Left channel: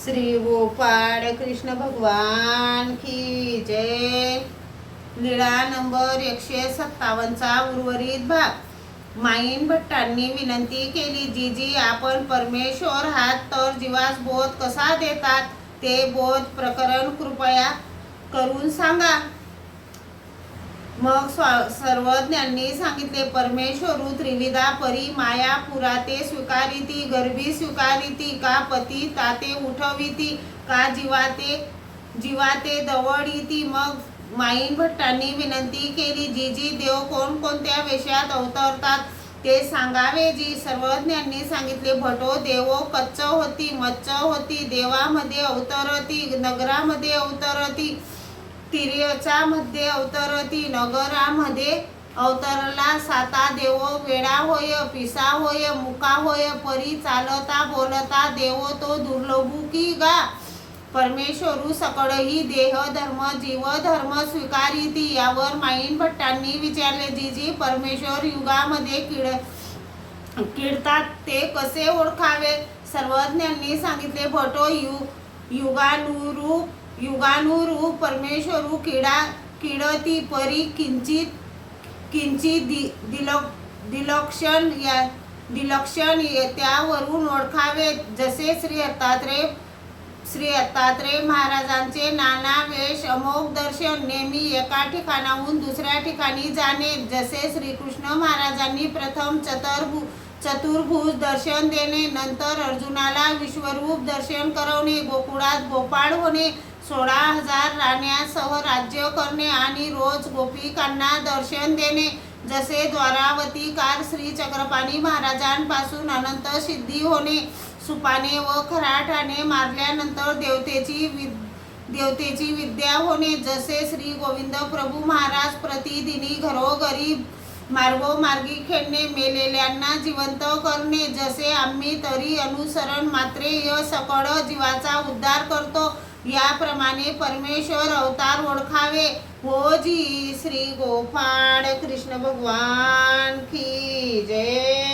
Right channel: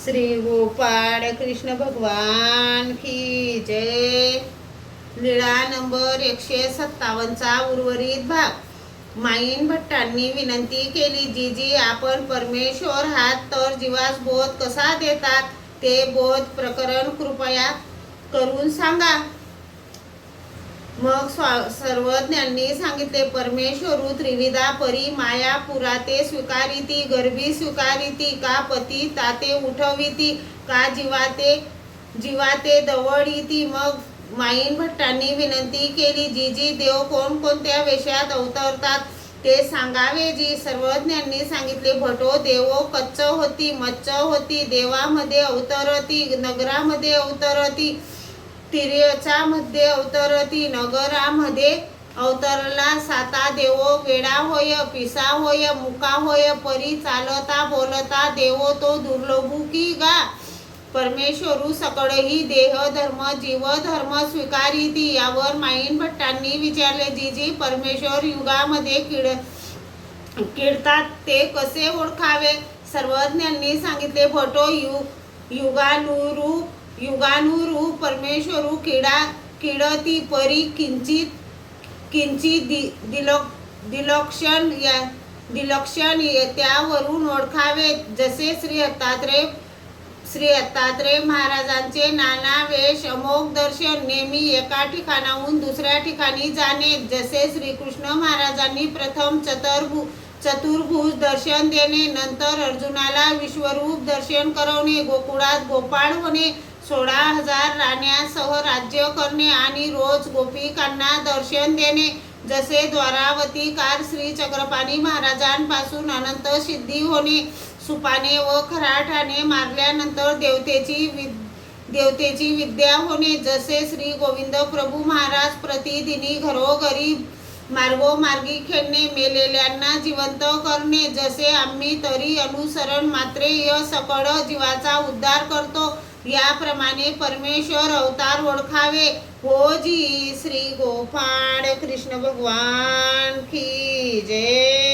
श्री गोपाळ कृष्ण भगवान की जय। लीळा नंबर 157चा उर्वरित भाग। माईन भट्टांनी विनंती केली, जीजी आपण परमेश्वर हात तर जीवास बोध कसा देतात ते बोध प्रकरण कृपया करून सांगा। मग सर्वज्ञांनी सांगितले, परमेश्वरू त्रिविधा परी माया पुराते स्वीकारिती, गर्भी स्वीकारिती, का पती ताते उठविती, का जीवाते दवडिती। मग माईन भट्टांनी विनंती केली, जीजी देव कोणकोणत्या वेशात अवतरतात ते सांगावे जी। सर्वज्ञांनी सांगितले, भटो देवो कच्च होती, मच्च होती, देवामध्ये अवतरती, नगरामध्ये अवतरती, तिर्यचा मध्ये अवतरती, नगरामध्ये अवतरला साता देवो वेडा होय, पिसा होय, मुका होय, परी चालता बोलता देवो तो दुर्लभू की गा। परमेश्वरू सकळही देह धर्म जीव धर्म स्वीकारिती। यावर माईन भट्टांनी विचारले, जीजी परमेश्वर युगामध्ये किडतात ते कसे ओळखावे। सर्वज्ञांनी सांगितले, भटो युगानुरूप परमेश्वरू किडती, परी किंचित दिलक्षण त्यावरून ओळखावे। जसे श्री दत्तात्रेय महाराजांचे नाना वेश अमोघ दर्शन, नेहमी एका ठिकाणाहून दुसऱ्या ठिकाणी जाणे। जसे श्रीकृष्ण महाराजांनी प्रथम चतुर्भुज दर्शन देणे, नंतर अर्जुनाला विश्वरूप दर्शन करवणे, गोकुळात गोपाळ होणे, 16,000 राण्यांसह राज्य करणे आणि रोज गोपिकांना दर्शन देणे। जसे द्वारावती काल श्री चक्रपाणी महाराजांपासून अनंत सिद्धी होणे, सुपाने व खराठाने मारल्यानंतर देवतेची विद्या होणे। जसे श्री गोविंद प्रभू महाराज प्रतिदिनी घरोघरी मार्गोमार्गी खेळणे, मेलेल्यांना जिवंत करणे। जसे आम्ही तरी अनुसरण मात्रेय सकळ जीवाचा उद्धार करतो, याप्रमाणे परमेश्वर अवतार ओळखावे। हो जी। श्री गोपाळ कृष्ण भगवान की जय।